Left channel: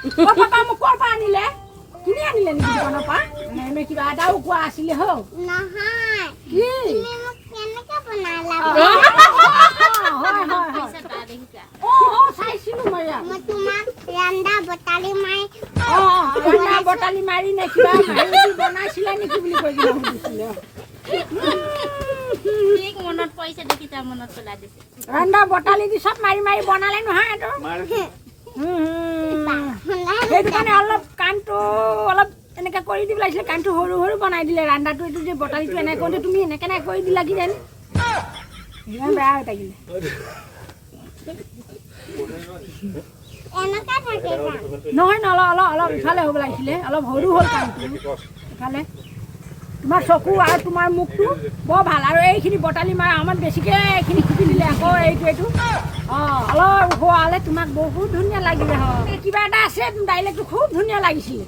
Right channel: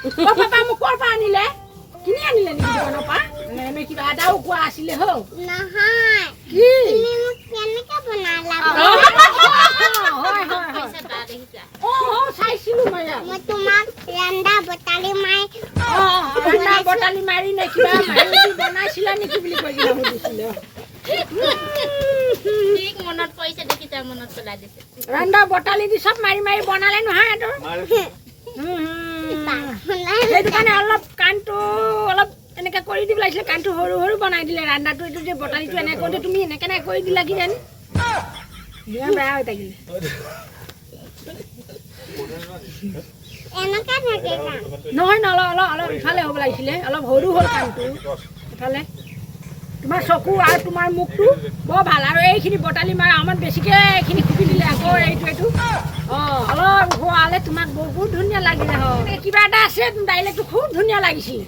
papa মোক ক'ৰ পৰা আনিলে কিনি আনিলে নেকি দোকানৰ পৰা এনে কিবা এটাও কোৱা আছিলে হৌ নহয় কি তুমি মোক কেনেকৈ বনালা হয় হয় চাইছিলোঁ মই তোমাক ৰন্ধা বটালি মাৰি ৰন্ধা বটালি মাৰি নে কিবা মাৰি বনাইছিলা নেকি বুলি কৈ কিনে সুধিছিলে মনত পৰিছে দেখি তাৰ মনত পেলাই দিছে ৰন্ধা বটালি দি চব মাৰি মাৰি বনালে নহয় এইটো সেইটো কাৰণে অলপ কাণটো অলপ এনেকৈ কৰি দিব লাগিছিলে কাণটো সৰু সৰু বনাই দিলে ৰন্ধাটো এইটো যে বটালিটো এনেকৈ কৰোঁতে তুমি এনেকৈ নাই কৰি দিলা কি যেন ইমান বেয়া হৈ থাকিলে নহয় অলপ অলপ অলপ ইফালে হ'ব লাগিছিলে অলপ সৰু হ'ল কাণটো ইফালে তোমাৰ চকু আৰু তোমাৰ মুখটো বৰ ভাল আৰু এইখিনি বটালি মাৰা আমাৰ বেছিকৈ এইখিনি খুপি দিলে আকৌ এইটো অলপ হোৱালে তোমাক বহুত ধুনীয়া লাগিলে হয় কিবা এটা আছে ডাইলেক্টটো খুব ধুনীয়া লাগিছিল